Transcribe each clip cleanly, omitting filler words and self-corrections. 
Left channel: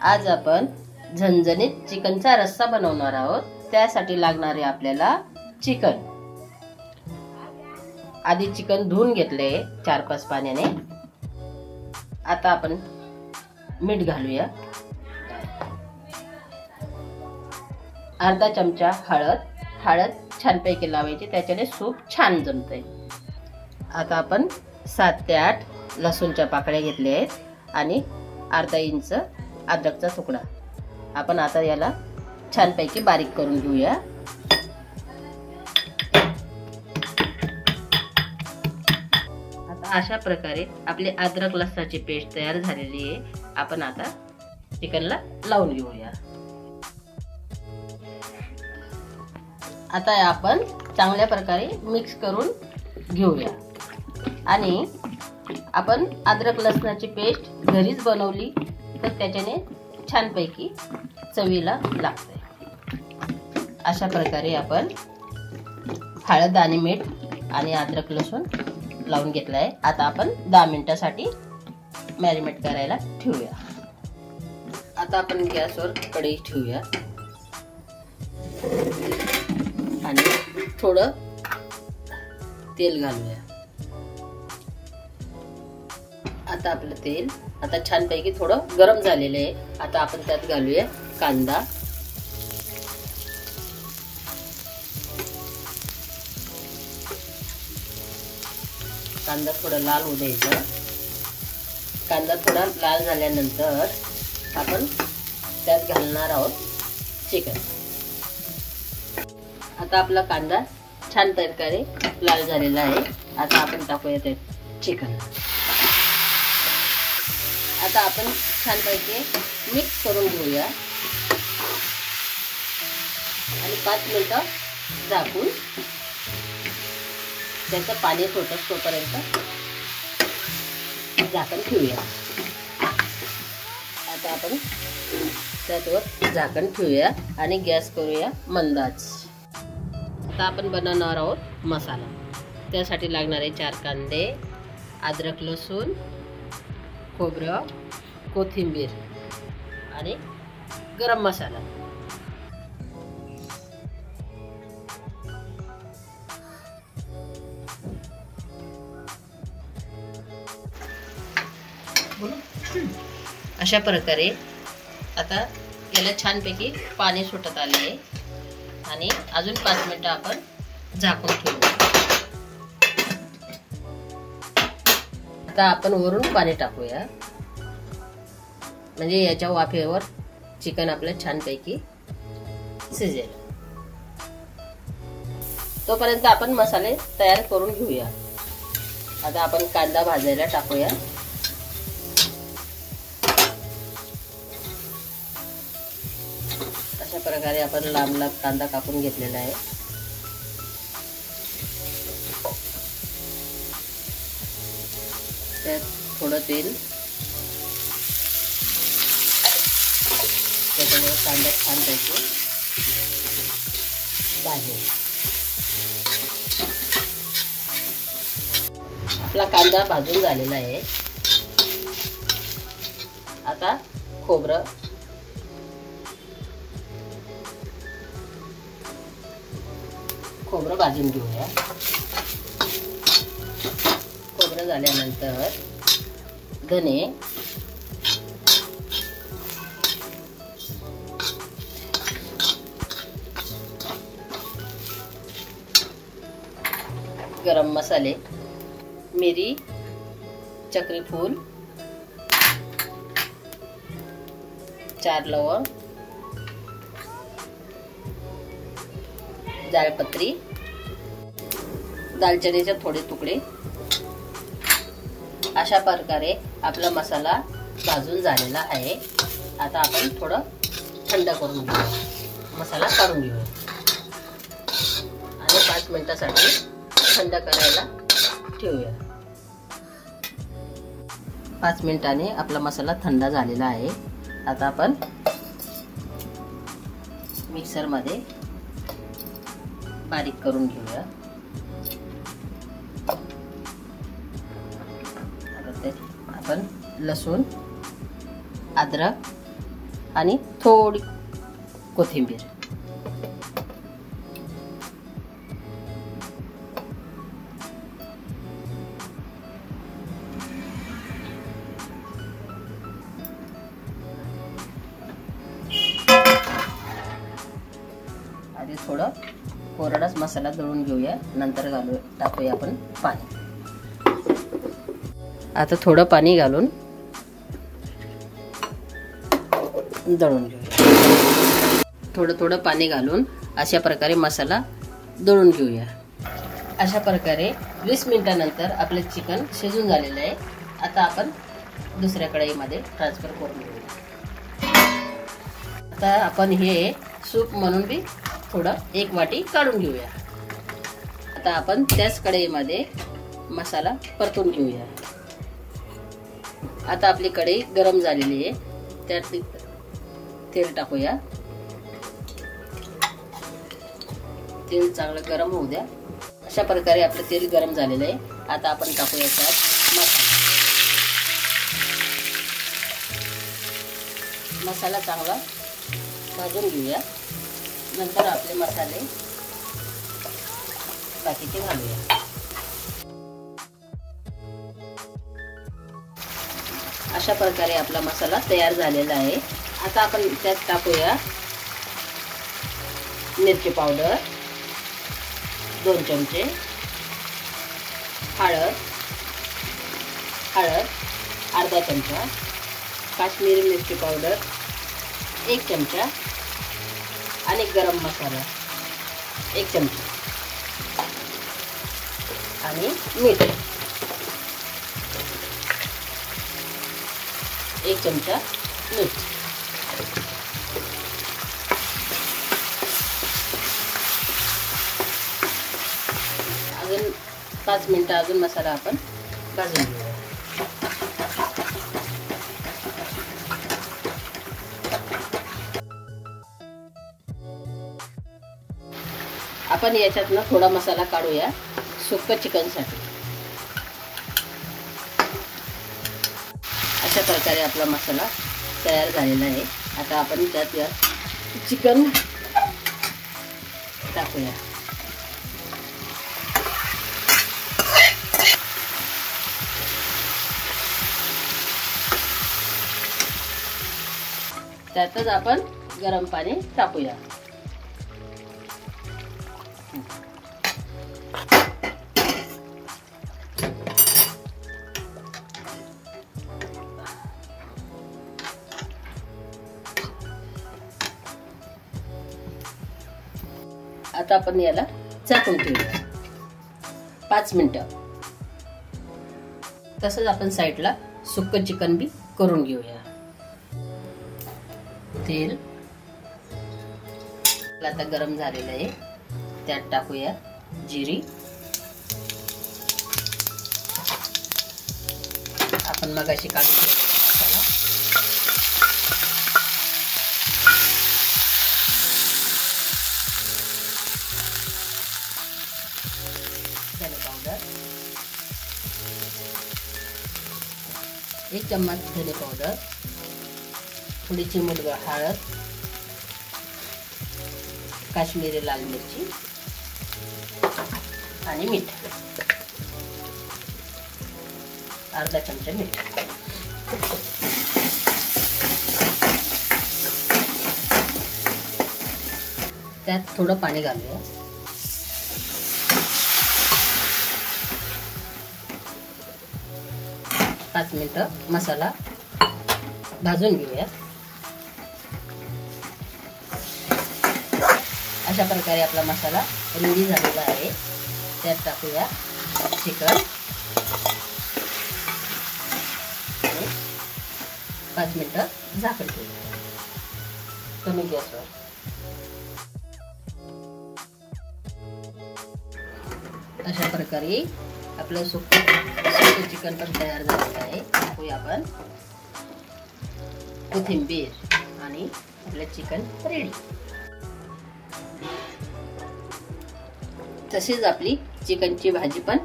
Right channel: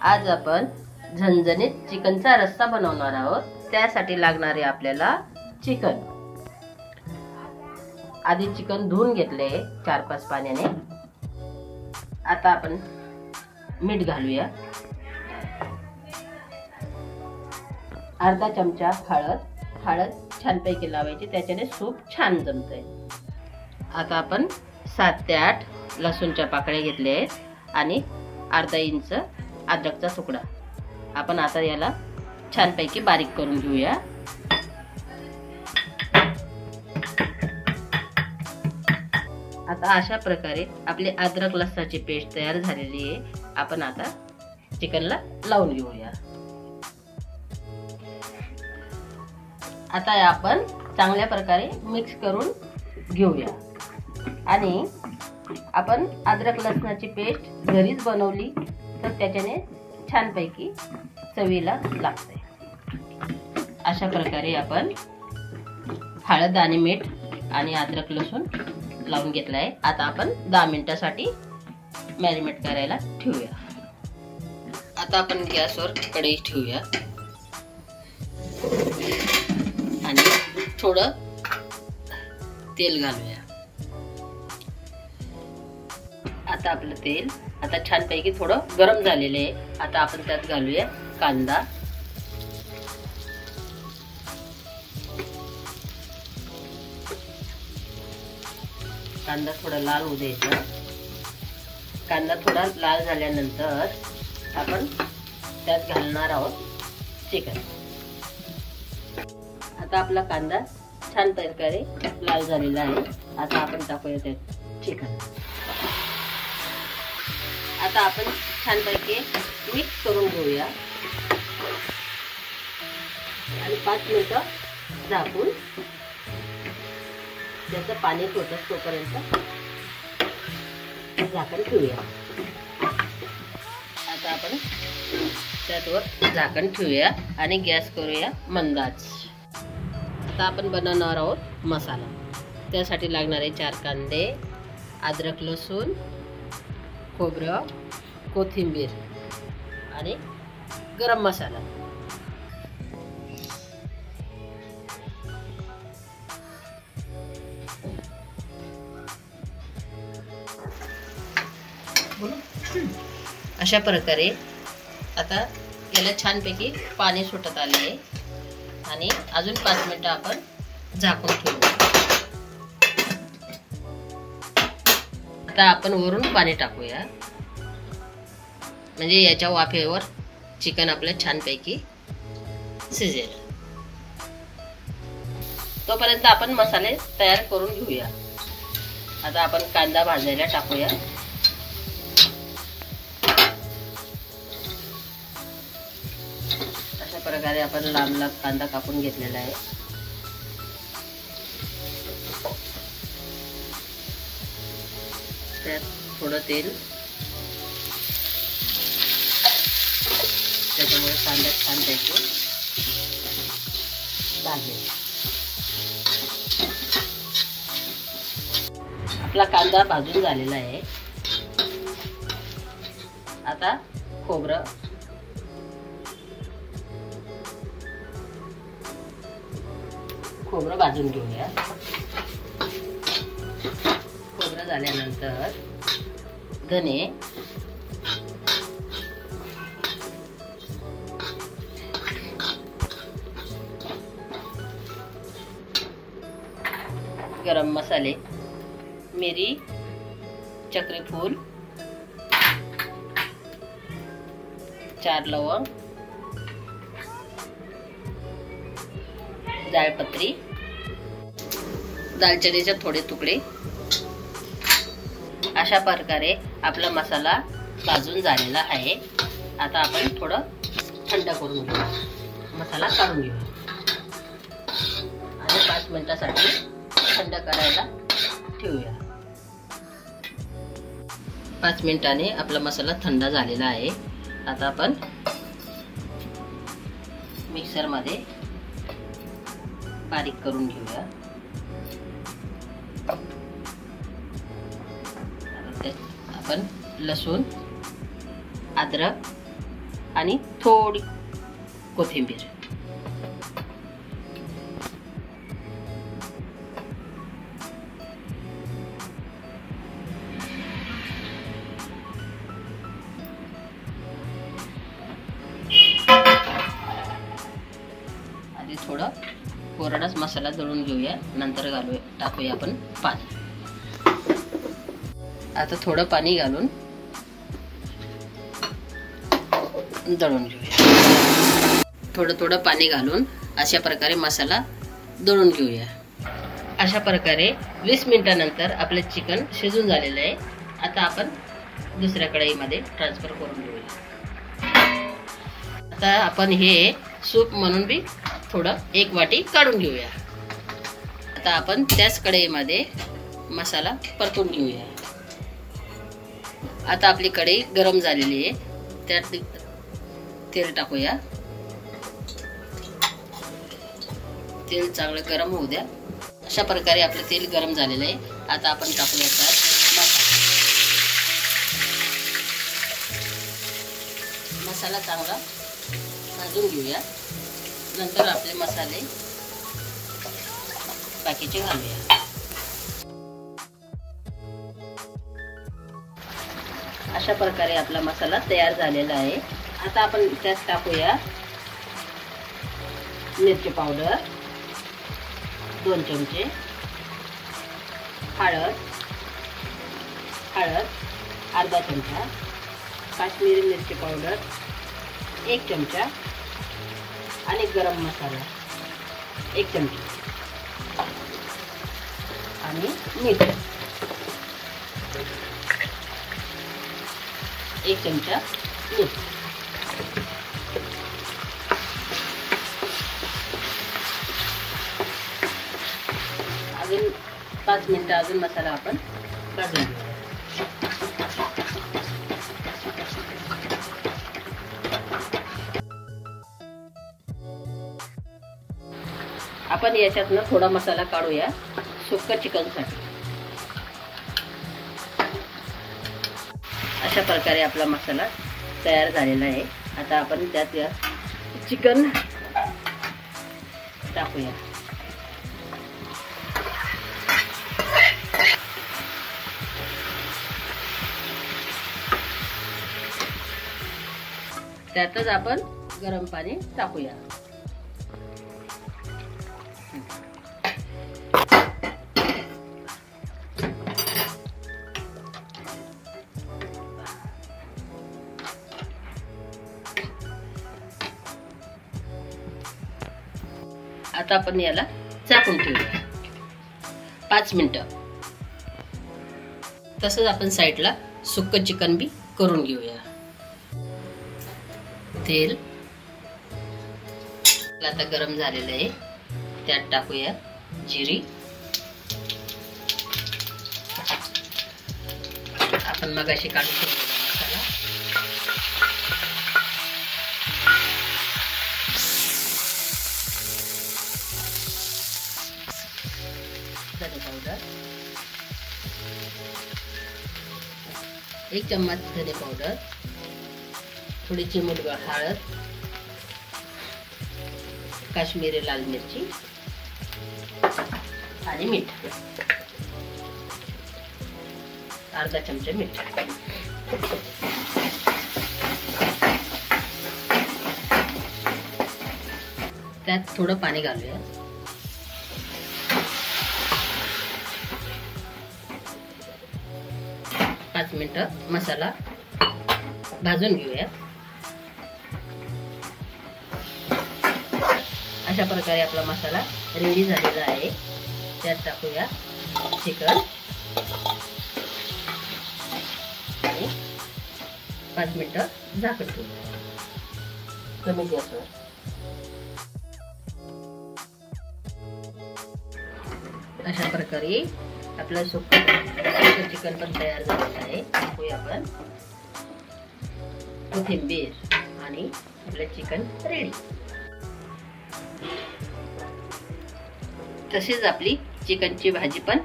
आज आपण झणझणीत चिकनचा रस्सा बनवणार आहोत। त्यासाठी लागणारे आपल्याला चिकन। आधी चिकन धुवून घेतले 4-5 पाण्याने। आता आपण मीठ घालूया, अर्धा चमचा हळद छानपैकी लावायची, त्याच्याने सूप छान जमते। आता आपण 7 ते 8 लसूणच्या पाकळ्या घेतल्या आहेत आणि अर्धा इंच अद्रकचा तुकडा। आपण आता याला छानपैकी बारीक करून घेऊया। आता अशा प्रकारे आपली अद्रक लसणाची पेस्ट तयार झालेली आहे। आपण आता चिकनला लावून घेऊया। आता आपण चांगल्या प्रकारे मिक्स करून घेऊया आणि आपण अद्रक लसणाची पेस्ट घरीच बनवली तर त्याच्याने छानपैकी चवीला लागते। अशा प्रकारे आपण हळद आणि मीठ आणि अद्रक लसूण लावून घेतला आहे। आता आपण 10 मिनिटांसाठी मॅरिनेट करायला ठेवूया। आता आपण गॅसवर कढई ठेवूया आणि थोडं तेल घालूया। आता आपलं तेल आता छानपैकी थोडं गरम झालेलं आहे। आता आपण त्यात घालूया कांदा, कांदा थोडा लाल होऊ द्यायचा। कांदा थोडा लाल झाल्यानंतर आपण त्यात घालणार आहोत चिकन। आता आपला कांदा छान प्रकारे लाल झालेला आहे। आता आपण टाकूया त्यात चिकन। आता आपण छानपैकी मिक्स करून घेऊया आणि 5 मिनिटं झाकून त्याचं पाणी सुटत तोपर्यंत झाकण ठेवूया। आता आपण त्यावर झाकण ठेवूया आणि गॅस करूया मंद आच। आता आपण बनवणार आहोत मसाला। त्यासाठी लागणारे 4 कांदे, अद्रक लसूण, खोबरं, कोथिंबीर आणि गरम मसाला। अशा प्रकारे आता याला छानपैकी पाणी सुटत आले आहे आणि अजून 5 मिनिटं आपण झाकून ठेवू। आता आपण वरून पाणी टाकूया म्हणजे याच्या वाफेवर चिकन आपलं छानपैकी शिजेल। तोपर्यंत आपण मसाले तयार करून घेऊया। आता आपण कांदा भाजायला टाकूया। अशा प्रकारे आपण लांब कांदा कापून घेतलेला आहे। त्यात थोडं तेल, त्याच्यामुळे कांदा छानपैकी भाजेल। आपला कांदा भाजून झालेला आहे। आता खोबरं भाजून घेऊया। खोबरं झाल्यानंतर धने, गरम मसाले, मिरी, चक्रीफूल, 4 लवंग, जायपत्री, दालचिनीचे थोडे तुकडे। अशा प्रकारे आपला मसाला भाजून झालेला आहे। आता आपण थोडं थंड करून घेऊ, मसाला काढून घेऊ आणि 5 मिनिटांसाठी थंड करायला ठेवूया। 5 मिनिटांनी आपला मसाला थंड झालेला आहे। आता आपण मिक्सर मध्ये बारीक करून घेऊया। आपण लसूण, अद्रक आणि थोडी कोथिंबीर. आधी थोडं कोरडाच मसाला दळून घेऊया, नंतर टाकूया आपण पाणी. आता थोडं पाणी घालून दळून घेऊया. थोडं पाणी घालून अशा प्रकारे मसाला दळून घेऊया. अशा प्रकारे 20 मिनिटांनंतर आपले चिकन शिजून झालेलं आहे. आता आपण दुसऱ्या कढईमध्ये ट्रान्सफर करून घेऊया. आता आपण हे सूप म्हणून बी थोडं 1 वाटी काढून घेऊया. आता आपण त्याच कढईमध्ये मसाला परतून घेऊया. आता आपली कढई गरम झालेली आहे, त्यात तेल टाकूया. तेल चांगलं गरम होऊ द्या. अशा प्रकारे आपलं तेल गरम झालेलं आहे. आता आपण टाकूया त्यात मसाला चांगला भाजून घेऊया. नंतर आपले मसाले बाकीचे घालूया. अशा प्रकारे आपला मसाला तयार झालेला आहे. आता आपण त्यात टाकूया मिरची पावडर 2 चमचे, हळद अर्धा चमचा, काश्मीरी मिरची पावडर 1 चमचा आणि गरम मसाला 1 चमचा आणि मीठ 1 चमचा मीठ. अजून 5 मिनिटं अजून मसाला आपण भाजून घेऊ. आपण याच्यातनं थोडा मसाला काढूया सुक्क चिकनसाठी. अशा प्रकारे आपला मसाला तयार झालेला आहे. आता आपण त्यात या चिकन टाकूया. त्यातच आपण गरम पाणी टाकूया. आता आपण याला झाकून ठेवूया 5 मिनिटं. तसंच आपण साईडला सुक्क चिकन बी करून घेऊया. तेल आता गरम झालेलं आहे, त्यात टाकूया जिरी. आपण मगाशी काढून ठेवलेला मसाला, धने पावडर 1 चम्मच धने पावडर, थोडी चिमूटभर हळद, काश्मीरी लाल मिरची आणि मीठ अर्धा चमचा मीठ. त्यात थोडं पाणी घालूया. पाच मिनिटं मसाला भाजून घेऊया. अशा प्रकारे आपला मसाला रेडी झालेला आहे. त्यात टाकूया चिकन आणि 5 मिनिटं झाकण ठेवूया कमी गॅसवर. अशा प्रकारे आपलं सुक्कं चिकन पण तयार झालेलं आहे. टाकूया आपण कोथिंबीर आणि आपलं चिकन रेडी. तसेच आपली चिकनची भाजी पण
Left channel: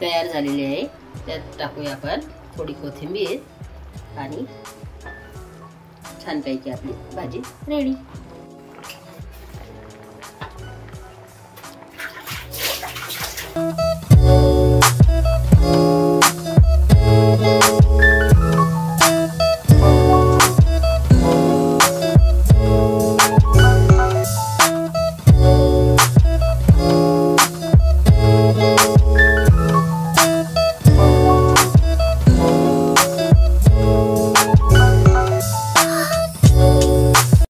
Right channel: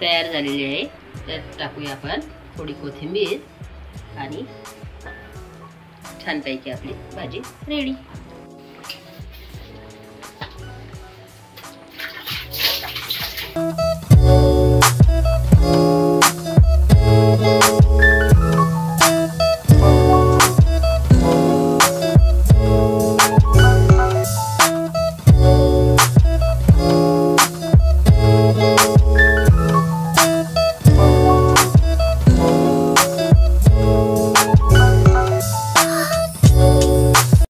तयार झालेली आहे. त्यात टाकूया आपण थोडी कोथिंबीर आणि छानपैकी आपली भाजी रेडी.